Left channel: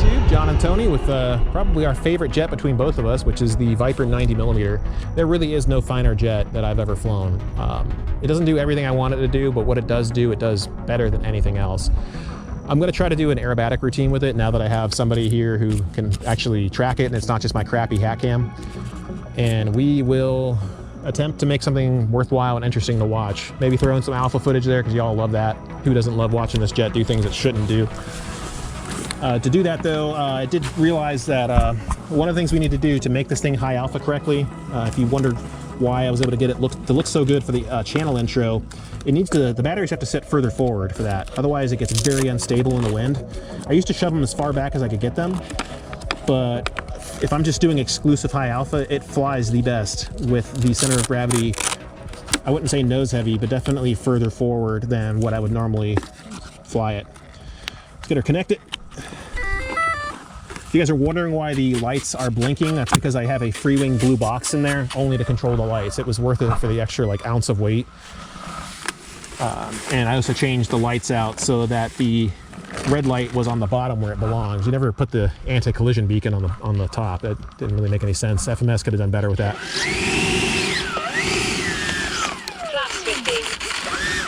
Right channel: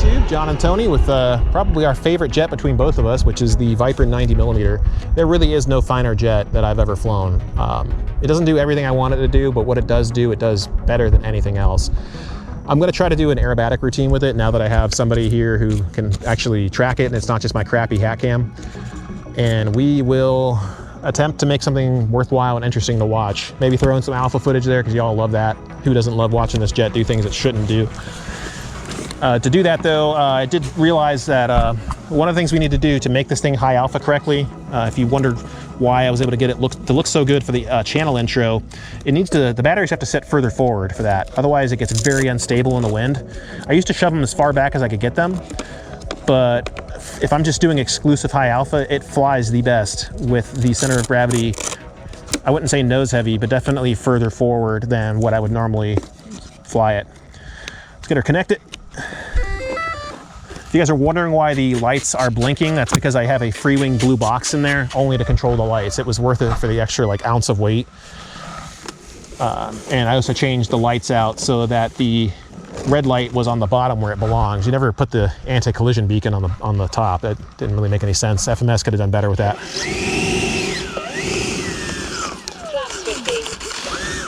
YouTube, John and Tony, with probably our favorite jet between both of us, which is the Viper 90mm. There really is no finer jet that I've ever flown. It doesn't do everything I want it to do, but what it does do, it does better than anything else. I'm going to try to do an aerobatic routine with it now that I have somebody here who can actually track it and it's not just my crappy hat cam. And we will attempt to make something worthwhile and interesting to watch. Maybe throw in some alpha footage there because y'all love that. Who doesn't love watching this jet do things it shouldn't do? To do that though, I did realize that one of the things we need to do to make this thing high alpha correctly, if you wondered why I was able to get it to look so good for the channel intro, it needs to, the batteries have to sit further forward for that. Otherwise it gets very unstable in the wind. I used to shove them as far back as I could get them, but if I'm just doing exclusive high alpha, it flies the best with the center of gravity, I wouldn't say nose heavy, but definitely further forward than what I would normally fly it. Let's get her connected. If you guys are wondering why the lights are blinking, that's because I have a free-wing blue box in there only to control the lights. It was worth it for the extra like ounce of weight. And I also changed the lights out so that the red light was on the bottom where it belongs. You never put the anti-collision beacon on the top. That didn't really make any sense. FMS could have done better with that.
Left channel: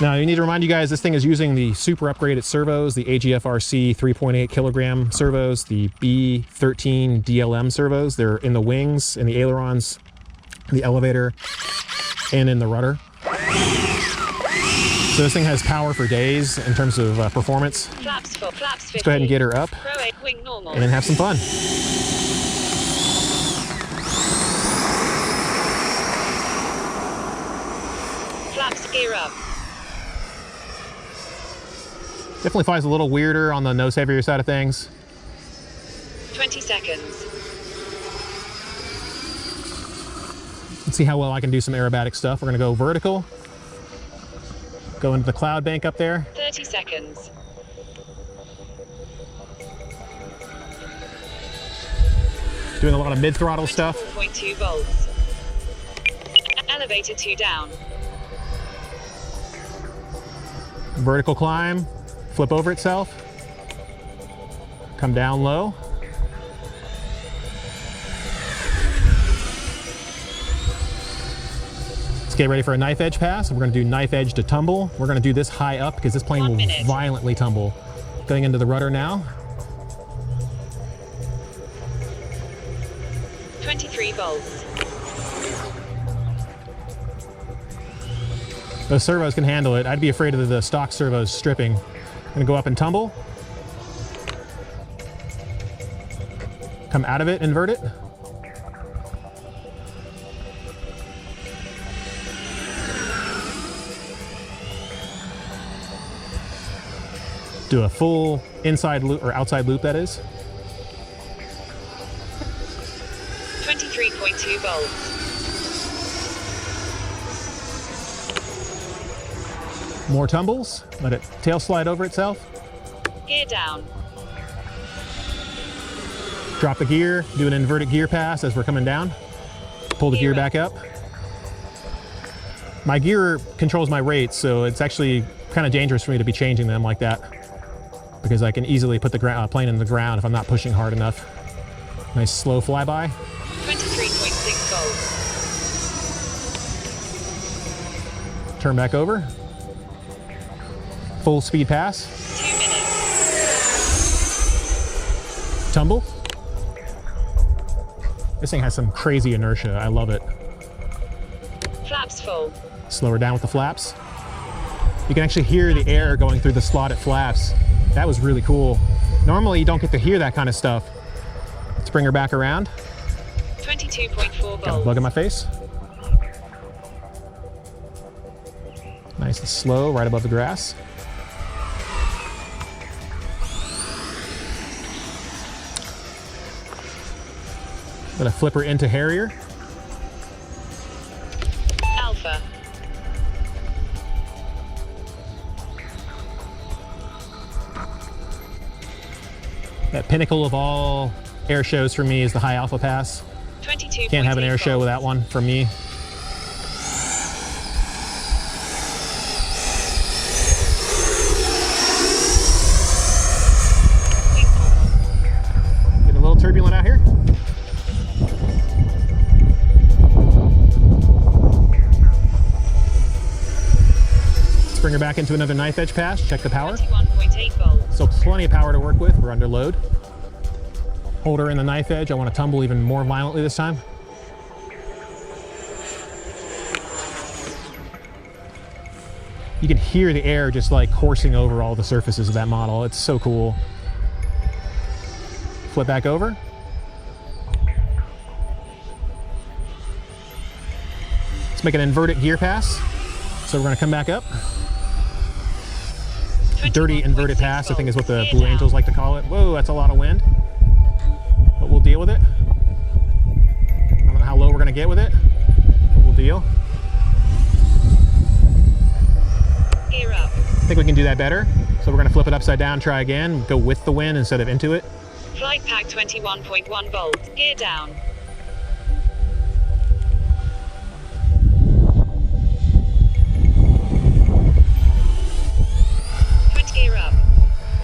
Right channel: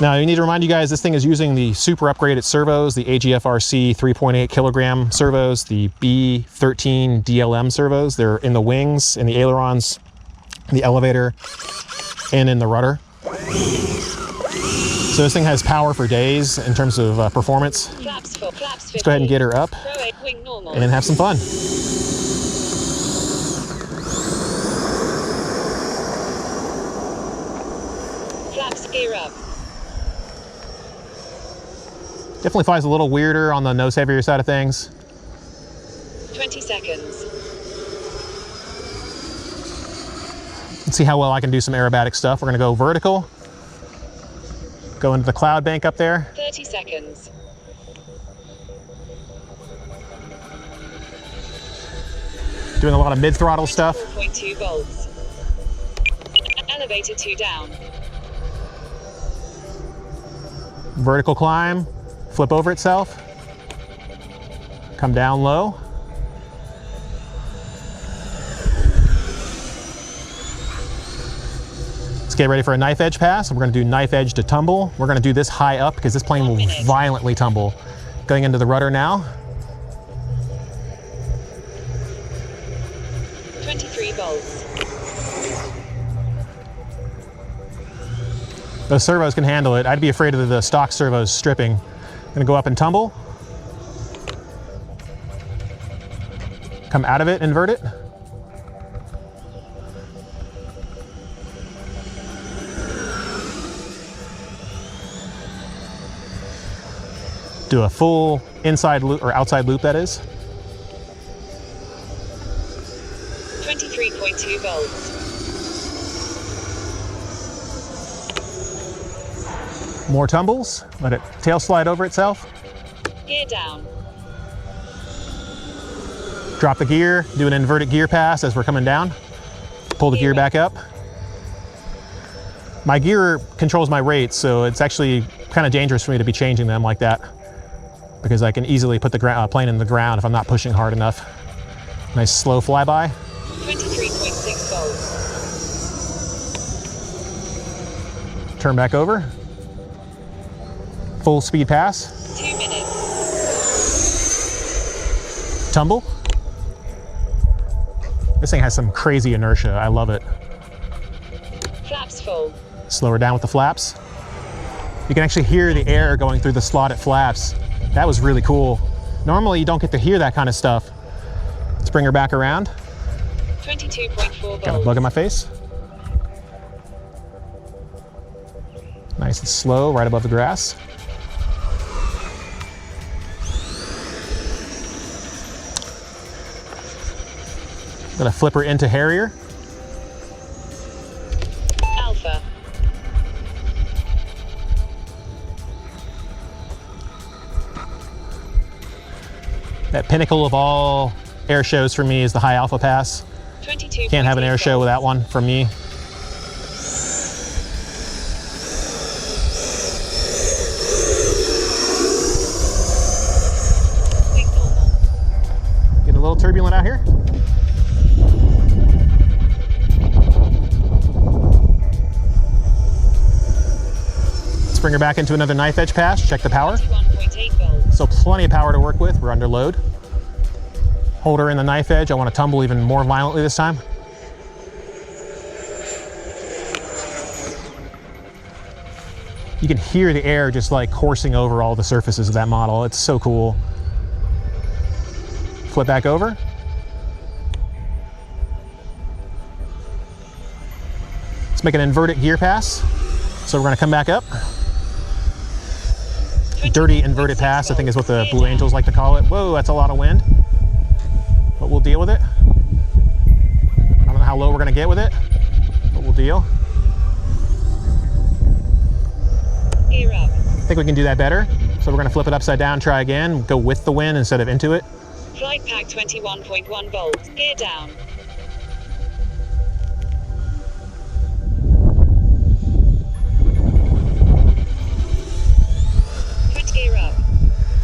Now you need to remind you guys, this thing is using the super upgraded servos, the AGFRC 3.8 kilogram servos, the B13 DLM servos. They're in the wings, in the ailerons, in the elevator, and in the rudder. So this thing has power for days in terms of performance. Let's go ahead and get her up and then have some fun. Flaps gear up. Definitely flies a little weirder on the nose heavier side of things. 20 seconds. Let's see how well I can do some aerobatic stuff. We're gonna go vertical. Go into the cloud bank up there. 30 seconds. Doing a lot of mid-throttle stuff. 4.2 volts. Elevator 2 down. Vertical climb. Flip over itself, come down low. Let's get ready for a knife edge pass. We're gonna do knife edge to tumble. We're gonna do this high up because this plane will violently tumble. Going into the rudder now. 23 volts. Those servos can handle it. I'd be afraid of the stock servos stripping. Gonna go up and tumble. Come out of it, invert it. Do a full inside loop, or outside loop that is. 23.2 volts. More tumbles, let it tail slide over itself. Gear down. Drop the gear, do an inverted gear pass as we're coming down. Pull the gear back up. My gear controls my rates, so it's actually kind of dangerous for me to be changing them like that because I can easily put the plane in the ground if I'm not pushing hard enough. Nice slow flyby. 23.6 volts. Turn back over. Full speed pass. 2 minutes. Tumble. This thing has some crazy inertia. I love it. Flaps full. Slow her down with the flaps. You can actually hear the air going through the slotted flaps. That was really cool. Normally you don't get to hear that kind of stuff. Let's bring her back around. 22.4 volts. Got a bug in my face. Nice and slow, right above the grass. Gonna flip her into Harrier. Alpha. That pinnacle of all air shows for me is the high alpha pass. 22. Can't have an air show without one from me. little turbulent out here. Let's bring her back into another knife edge pass. Check the power. 21.8 volts. So plenty of power to work with. We're under load. Hold her in the knife edge. I want to tumble even more violently this time. You can hear the air just like coursing over all the surfaces of that model. It's so cool. Flip back over. Let's make an inverted gear pass. So we're going to come back up. Dirty inverted pass, I think is what the Blue Angels like to call it. Whoa, that's a lot of wind. But we'll deal with it. I don't know how low we're going to get with it, but we'll deal. Gear up. I think we can do that better. So we're going to flip it upside down, try again, go with the wind instead of into it. Flight pack 21.1 volts. Gear down. Gear up.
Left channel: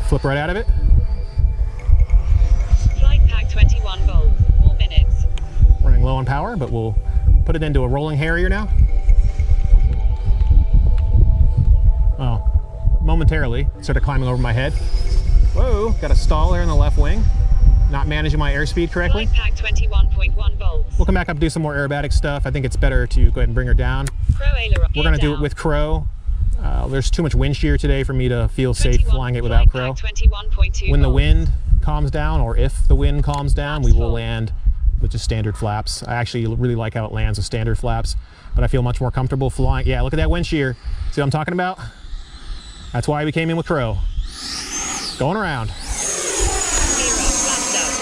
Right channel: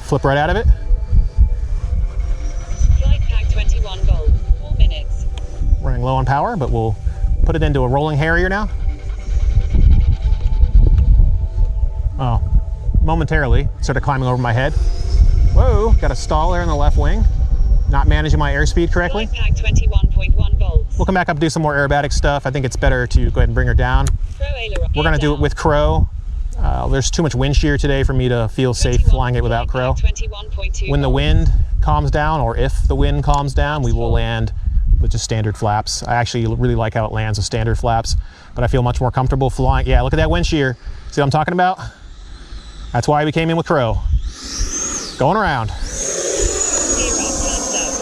Flip right out of it. Flight pack 21 volts. 4 minutes. Running low on power, but we'll put it into a rolling Harrier now. Oh, momentarily started climbing over my head. Whoa, got a stall there in the left wing. Not managing my airspeed correctly. Flight pack 21.1 volts. We'll come back up and do some more aerobatic stuff. I think it's better to go ahead and bring her down. Crow aileron. We're gonna do it with Crow. There's too much wind shear today for me to feel safe flying it without Crow. 21.2 when the wind calms down, or if the wind calms down, we will land with just standard flaps. I actually really like how it lands with standard flaps, but I feel much more comfortable flying. Yeah, look at that wind shear. See what I'm talking about? That's why we came in with Crow. Going around. Gear up, flaps up.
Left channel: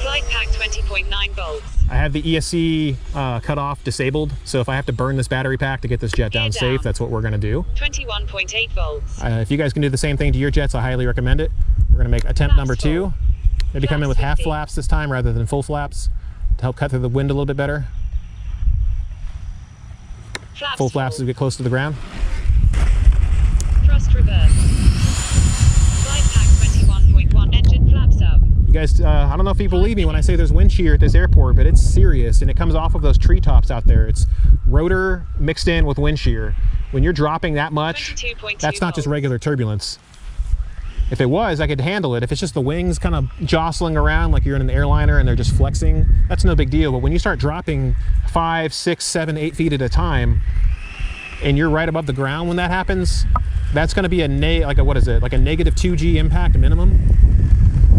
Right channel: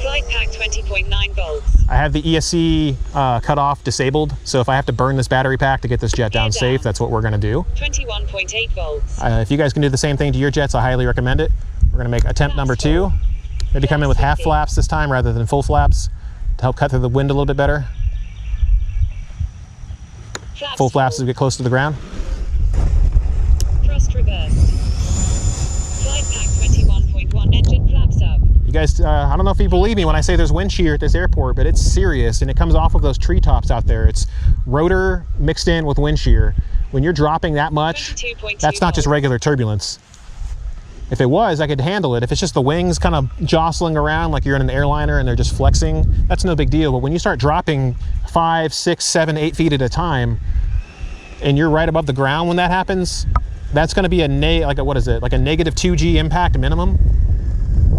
Flight pack 20.9 volts. I have the ESC cutoff disabled, so if I have to burn this battery pack to get this jet down safe, that's what we're gonna do. 21.8 volts. If you guys can do the same thing to your jets, I highly recommend it. We're gonna make attempt number 2. Maybe come in with half flaps this time rather than full flaps to help cut through the wind a little bit better. Full flaps as we get close to the ground. Thrust reversed. Flight pack 21.1, engine flaps up. You guys, I don't know if you believe me when I say there's wind shear at this airport, but it's serious, and it comes off of those treetops out there. It's rotor mixed in with wind shear. When you're dropping that much, that's not just regular turbulence. If it was, I could handle it. If it's just the wings kind of jostling around like you're in an airliner and they're just flexing, that's no big deal. But when you start dropping 5, 6, 7, 8 feet at a time, and you're right above the ground when that happens, that's going to be a like a negative 2G impact minimum.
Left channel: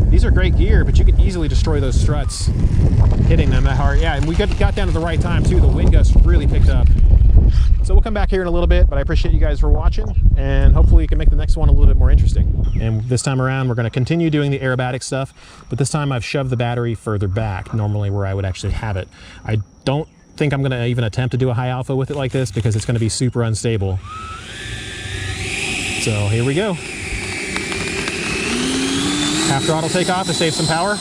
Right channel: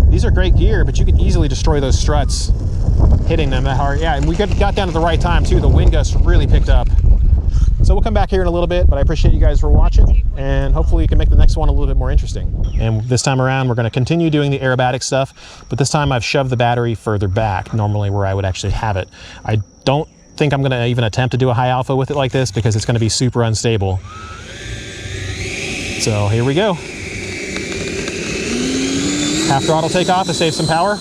These are great gear, but you can easily destroy those struts hitting them that hard. Yeah, and we got down at the right time too. The wind gusts really picked up. So we'll come back here in a little bit, but I appreciate you guys for watching, and hopefully you can make the next one a little bit more interesting. And this time around, we're going to continue doing the aerobatic stuff, but this time I've shoved the battery further back, normally where I would actually have it. I don't think I'm going to even attempt to do a high alpha with it like this because it's going to be super unstable. So here we go. Half throttle takeoff to save some power.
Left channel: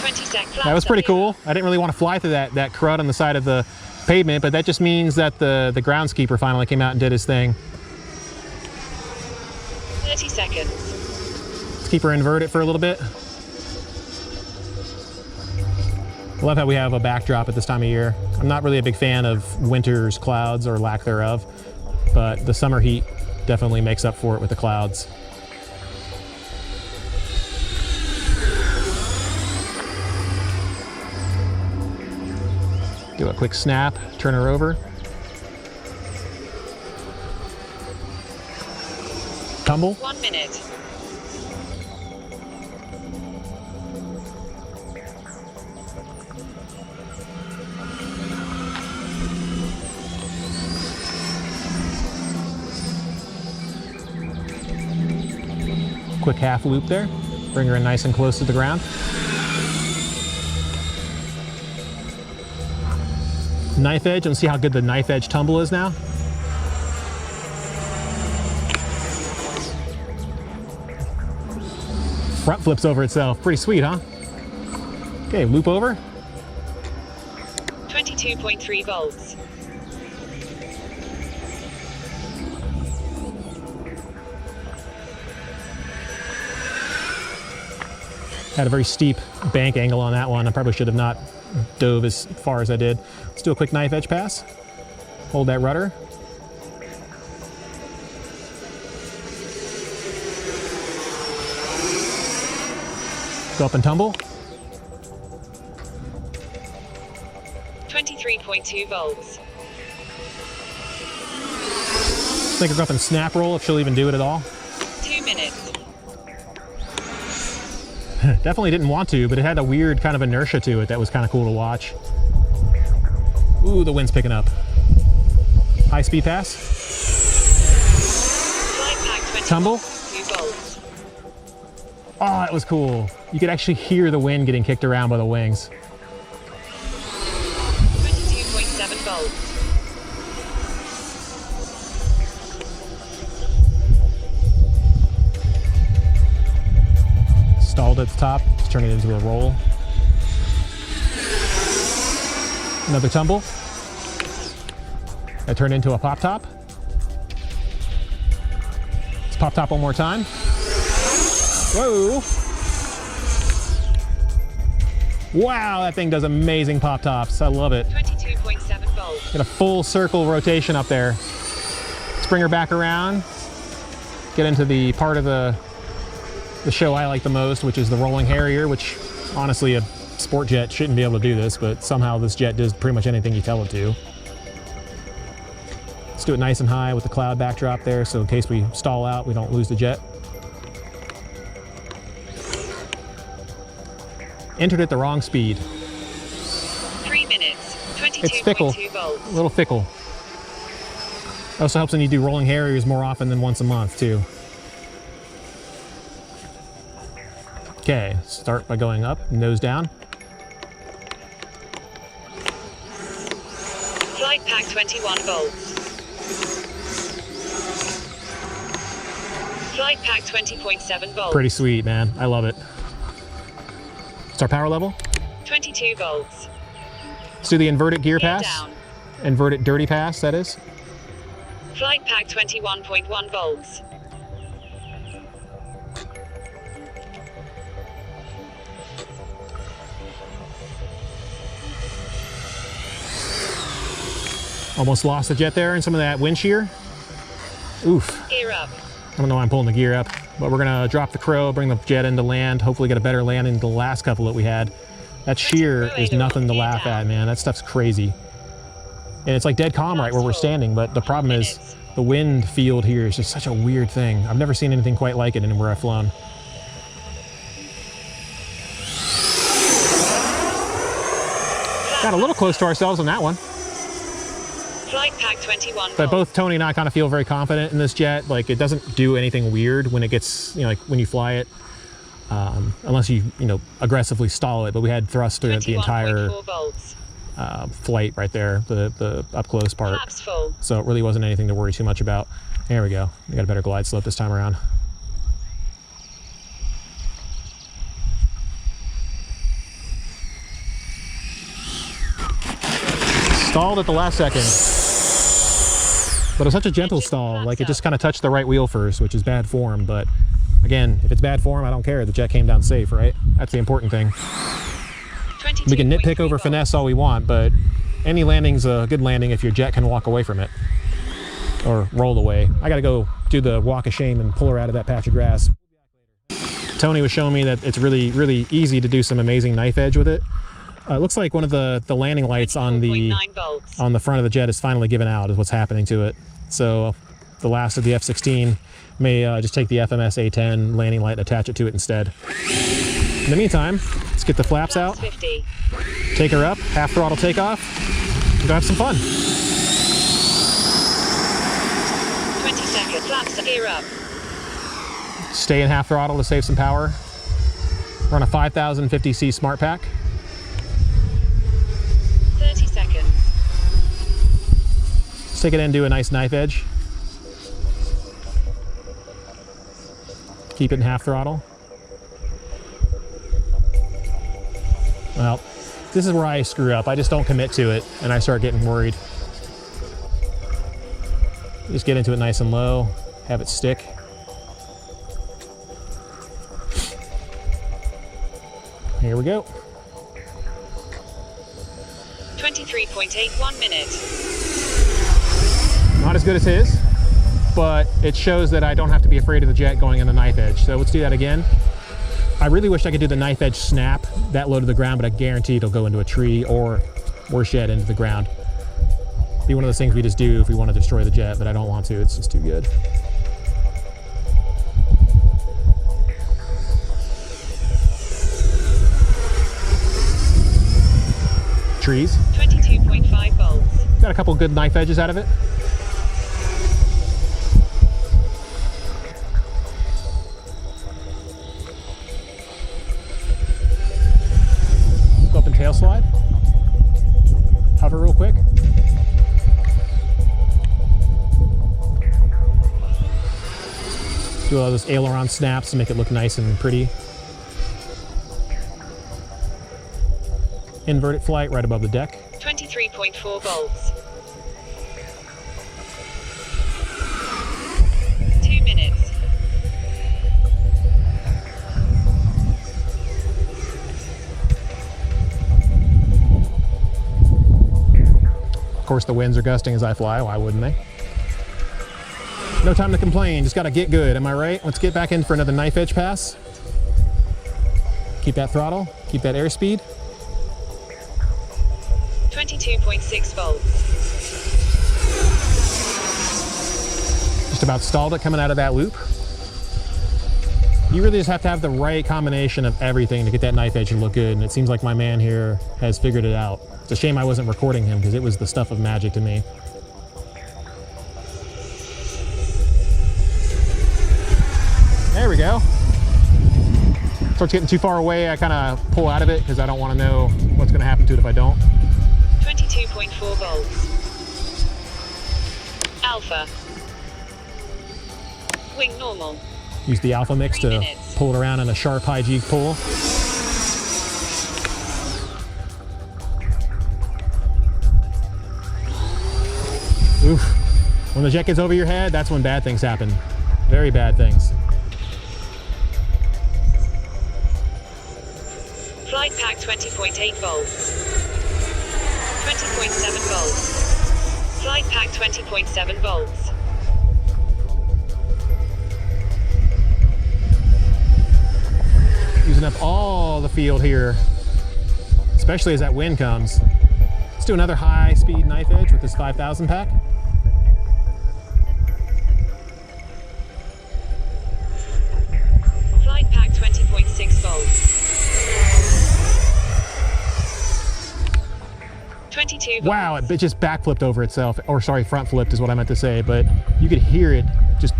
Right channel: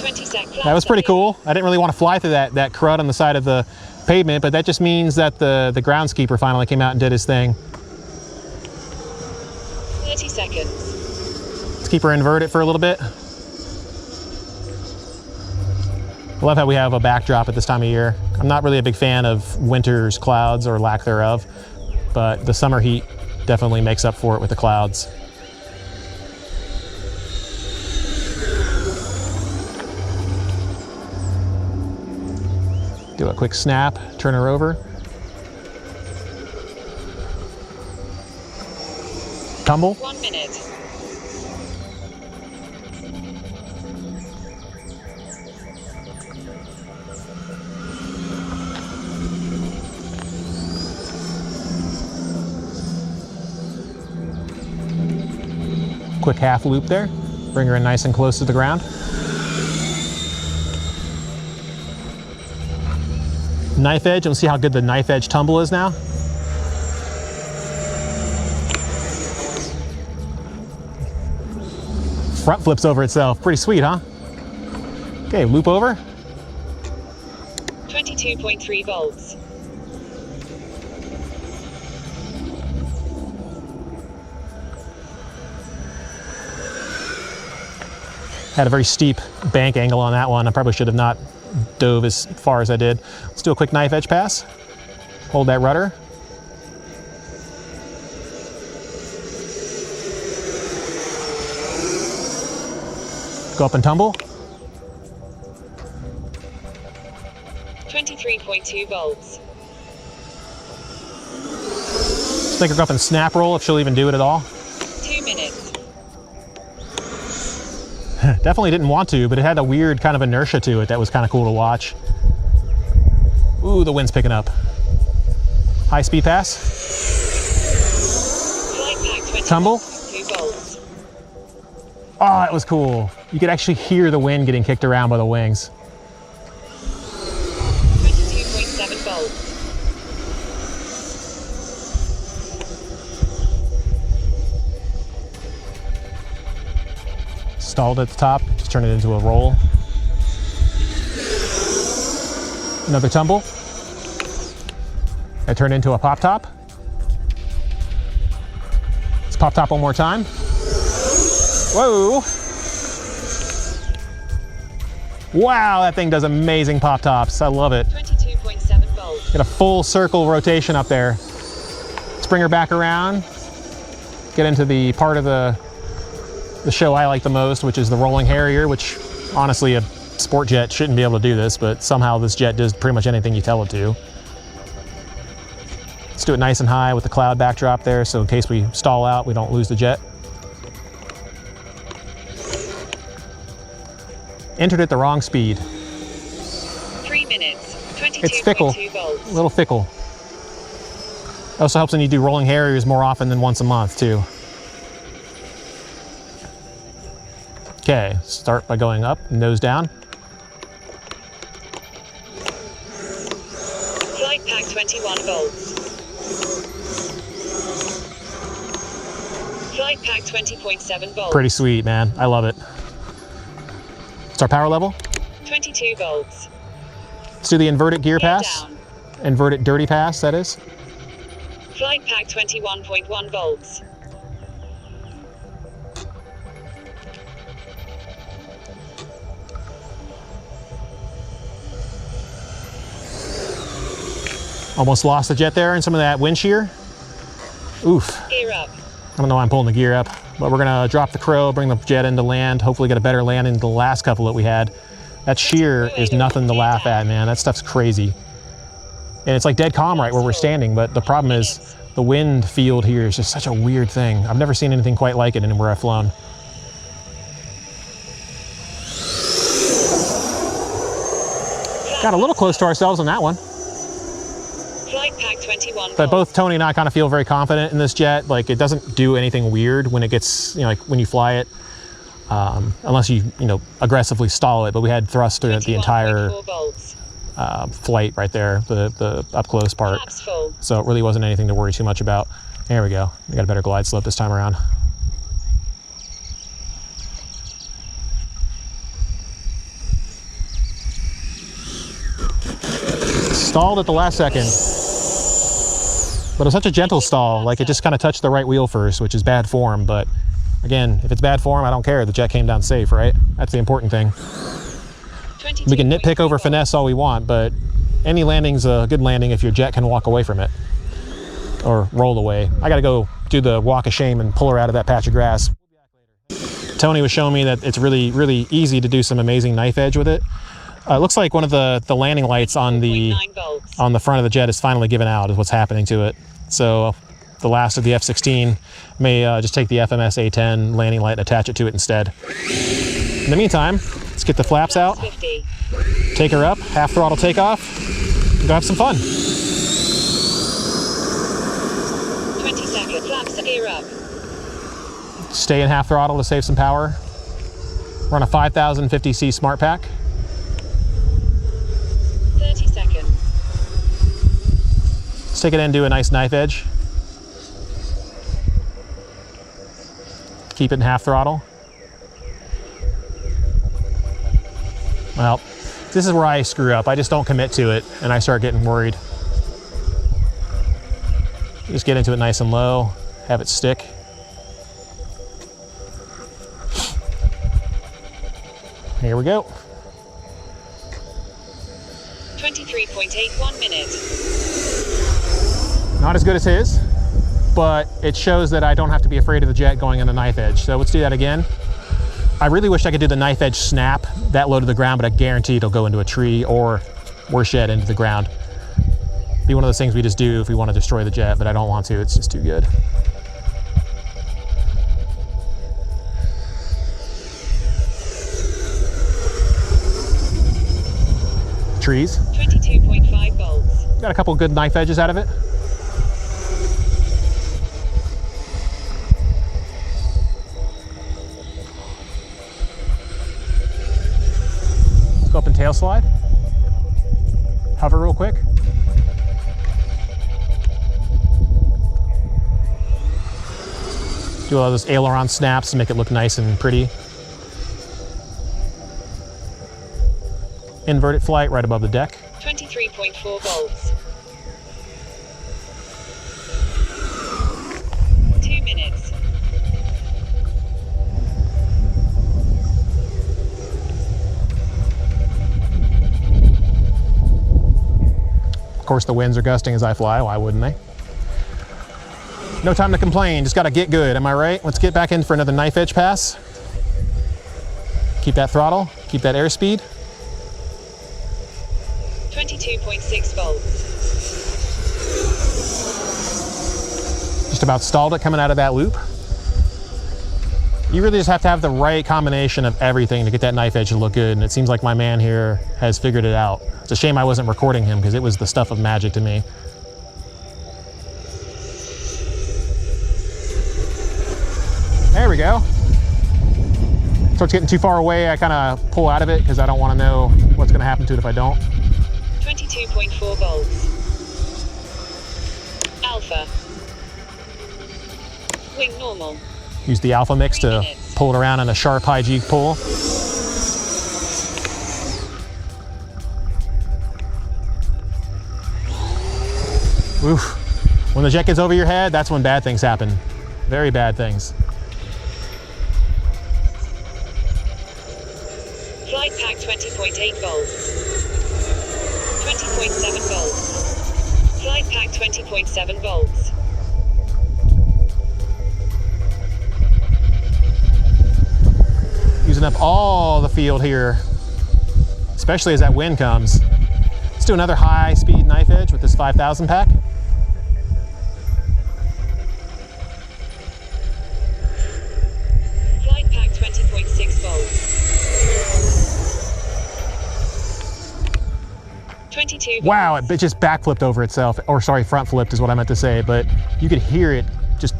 20 seconds. That was pretty cool. I didn't really want to fly through that crud on the side of the pavement, but that just means that the groundskeeper finally came out and did his thing. 30 seconds. Let's keep her inverted for a little bit. I love how we have a backdrop at this time of year. I'm not really a big fan of winter's clouds or lack thereof, but the summer heat definitely makes up for it with the clouds. Do a quick snap, turn her over. Tumble. 1 minute. Quick half loop there. Bring her in nice and close to the ground. Knife edge, and see how good the knife edge tumble is now. Front flips over itself. Pretty sweet, huh? Okay, loop over. 22.3 volts. Had a very steep bank angle on that one. I probably should have not dove as far as I did. Let's do a quick knife edge pass. Hold that rudder. Go up and tumble. 23.2 volts. I think we'll go up and snap roll if she'll even do it at all. 2 minutes. Definitely didn't want to, but it had a weird kind of inertia to it that was kind of cool to watch. Ooh, the wind's picking up. High speed pass. Flight pack 20 Tumble. 2 volts. Oh, that was cool. You could actually hear the wind getting kicked around by the wings. 22.7 volts. Stalled at the top, just turn it into a roll. Another tumble. I turn into a pop top. Let's pop top one more time. Whoa! Wow, that thing does amazing pop tops. I love it. 22.7 volts. Get a full circle rotation up there. Let's bring her back around. Get into the part of the show I like the most, which is the rolling Harrier, which honestly a sport jet shouldn't be able to do this, but somehow this jet does pretty much anything you tell it to. Let's do it nice and high with the cloud backdrop there, so in case we stall out, we don't lose the jet. Entered at the wrong speed. 3 minutes. 22.2 It's fickle, volts. a little fickle. Also helps when you do rolling Harriers more often than once a month too. Okay, start by going up, nose down. Flight pack 21 volts. Flight pack 20.7 volts. Pretty sweet, man. I love it. What's our power level? 22 volts. Let's do the inverted gear Gear pass. down. Inverted dirty pass, that is. Flight pack 21.1 volts. Almost lost the jet there in some of that wind shear. Oof. Gear up. I don't know why I'm pulling the gear up, but we're gonna drop the crow, bring the jet into land, hopefully get a better landing than the last couple that we had. That shear is nothing to laugh at, man. That stuff's crazy. And it's like dead calm right where we're standing, but the problem is the wind field here is just such a weird thing. I've never seen anything quite like it anywhere I've flown. Got a little close to ourselves on that one. Flight pack 21 But volts. both Tony and I kind of feel very confident in this jet. Like it doesn't do anything weird when it gets, like when you fly it, unless you, aggressively stall it. But we had thrust through it the entire 21.4 volts. flight right there, the up close part. Flaps full. So it really wasn't anything to worry too much about. There we go. We got a better glide slope this time around. Stalled at the last second. But it was such a gentle stall, like it just kind of touched the right wheel first, which is bad form. But again, if it's bad form, I don't care. The jet came down safe, right? That's the important thing. We can nitpick over finesse all we want, but any landing's a good landing if your jet can walk away from it or roll away. I got to go do the walk of shame and pull her out of that patch of grass. Tony was showing me that it's really, really easy to do some amazing knife edge with it. It looks like one of the landing lights on the front of the jet is finally given out, is what's happening to it. So the last of the F-16 may just take the FMS A-10 landing light and attach it to it instead. In the meantime, let's get the flaps out, 50. take her up, half throttle takeoff, and go have some fun. 20 seconds. Flaps gear up. Stay in half throttle to save some power. We're on a 5050C Smart Pack. 30 seconds. Let's take it in and do a nice knife edge. Keep it in half throttle. Well, this is where I screw up. I just don't commit to it and I start getting worried. Just get into it nice and low, have it stick. Here we go. 23.81 minutes. Not as good as his, but it shows that I don't have to be afraid of the jet going in the knife edge. So let's do that again. I really wish I could do the knife edge snap that low to the ground, but I guarantee it'll go into a tree or, worse yet, into the ground. Be one of those things we just do if we want to destroy the jet, but I don't want to. It's just too good. Trees. 22.5 volts. Got a couple good knife edges out of it. Let's go up and tail slide. Hover real quick. Do all those aileron snaps to make it look nice and pretty. Inverted flight right above the deck. 23.4 volts. 2 minutes. Of course, the winds are gusting as I fly. Why wouldn't they? No time to complain. Just got to get good. Am I right? Let's get back in for another knife edge pass. Keep that throttle. Keep that airspeed. 22.6 volts. Just about stalled it coming out of that loop. You really just have to have the right combination of everything to get that knife edge to look good, and it seems like my man here has figured it out. It's a shame I wasn't recording him because it was the stuff of magic to me. There we go. Starts getting too far away, I kind of pull out of it because I don't want to know what's going to happen to it if I don't. 22.4 volts. Alpha. Wing normal. Use the alpha mix 3 to minutes. pull it around in a sharp high G pull. Oof. When the jet gets over your head, that's when bad things happen. Very bad things. Flight pack 20.8 volts. 20.7 volts. Flight pack 20.7 volts. Using up all the field here, especially as that wind comes. Let's do another high speed knife edge with this 5000 pack. Flight pack 20.6 volts. 22 volts. Wow, it just backflipped over itself, or sorry, front flipped is what I meant to say, but you could hear it just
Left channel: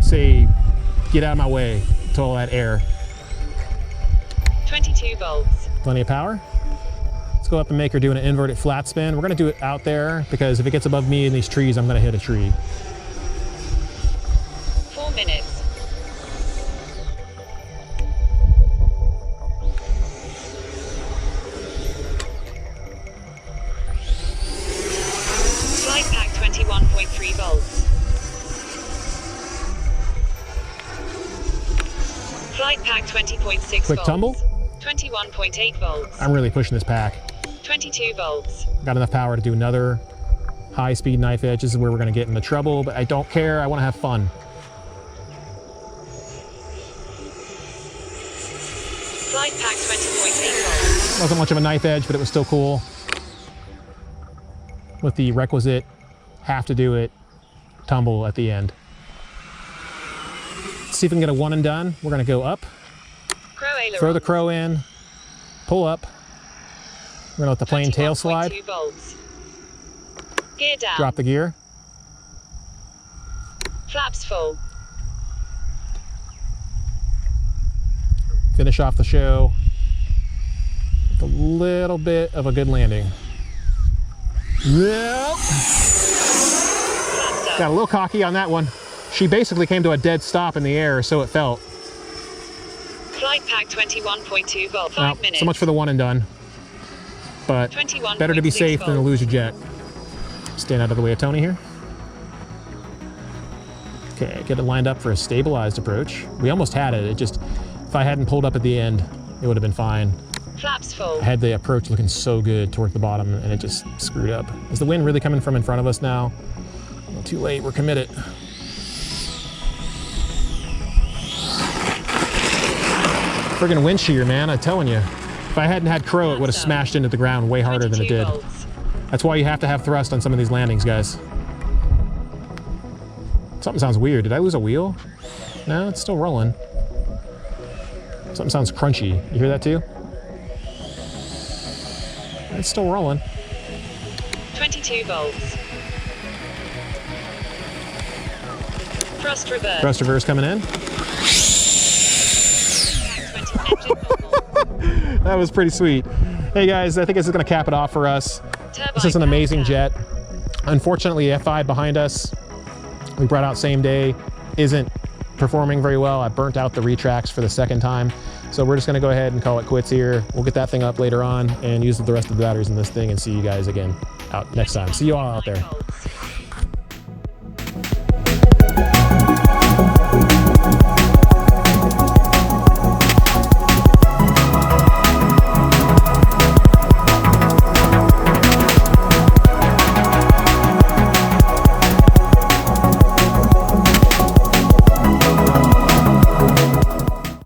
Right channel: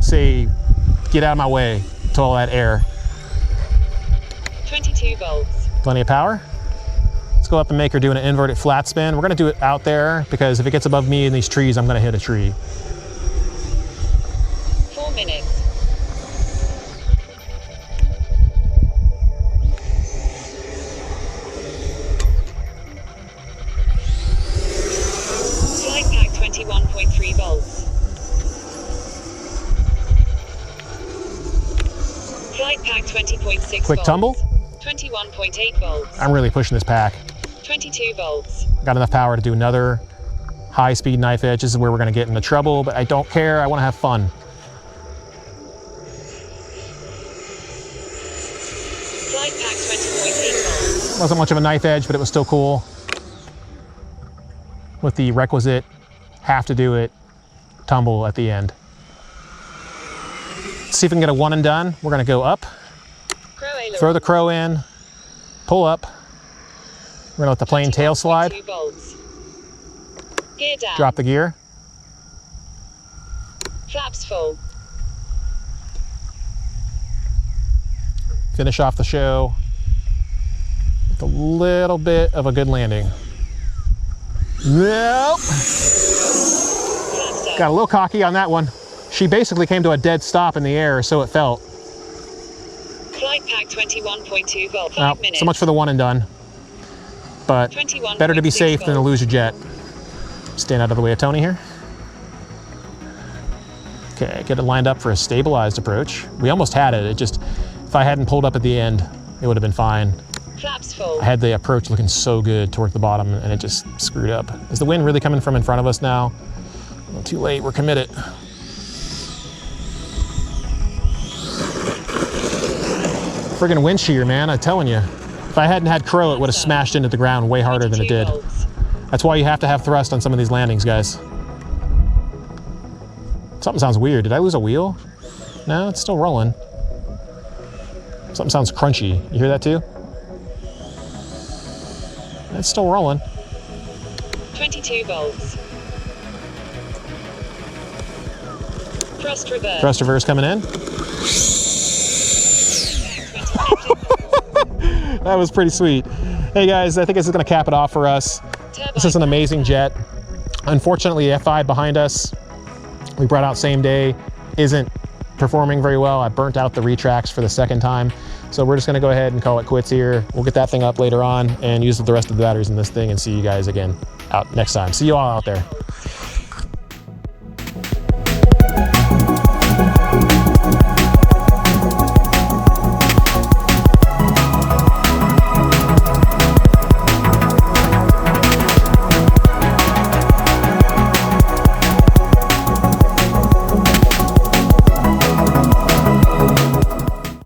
say, get out of my way, to all that air. 22 volts. Plenty of power. Let's go up and make her do an inverted flat spin. We're gonna do it out there because if it gets above me in these trees, I'm gonna hit a tree. 4 minutes. Flight pack 21.3 volts. Flight pack 20.6 Quick volts. tumble. 21.8 volts. I'm really pushing this pack. 22 volts. Got enough power to do another high speed knife edge. This is where we're gonna get into trouble, but I don't care, I wanna have fun. Flight pack 20.8 volts. Wasn't much of a knife edge, but it was still cool. With the requisite, have to do it, tumble at the end. Let's see if we can get a one and done. We're gonna go up, Crow aileron. throw the crow in, pull up. We're gonna let the plane tail slide, 21.2 volts. Gear down. drop the gear. Flaps full. Finish off the show with a little bit of a good landing. Nope. Flaps up. Got a little cocky on that one. She basically came to a dead stop in the air, so it felt. Flight pack 21.2 volt. 5 Well, minutes. so much for the one and done. But 21.6 better to be safe than to volts. lose your jet. Stand out of the way of Tony here. Okay, get it lined up for a stabilized approach. We almost had it. It just, if I hadn't pulled up at the end, it would have been fine. Flaps full. I had the approach looking so good toward the bottom and it just screwed up. Is the wind really coming from in front of us now? Well, too late, we're committed. Friggin' wind shear, man, I'm telling you. If I hadn't had crow, it would have smashed into the ground way harder than it did. That's why you have to have thrust on some of these landings, guys. Something sounds weird. Did I lose a wheel? No, it's still rolling. Something sounds crunchy. You hear that too? It's still rolling. 22 volts. Thrust reverse. Thrust reverse coming in. That was pretty sweet. Hey guys, I think this is gonna cap it off for us. This is an amazing jet. Unfortunately, F5 behind us, we brought out same day, isn't performing very well. I burnt out the retracts for the second time. So we're just gonna go ahead and call it quits here. We'll get that thing up later on and use the rest of the batteries in this thing and see you guys again out next time. See you all out there.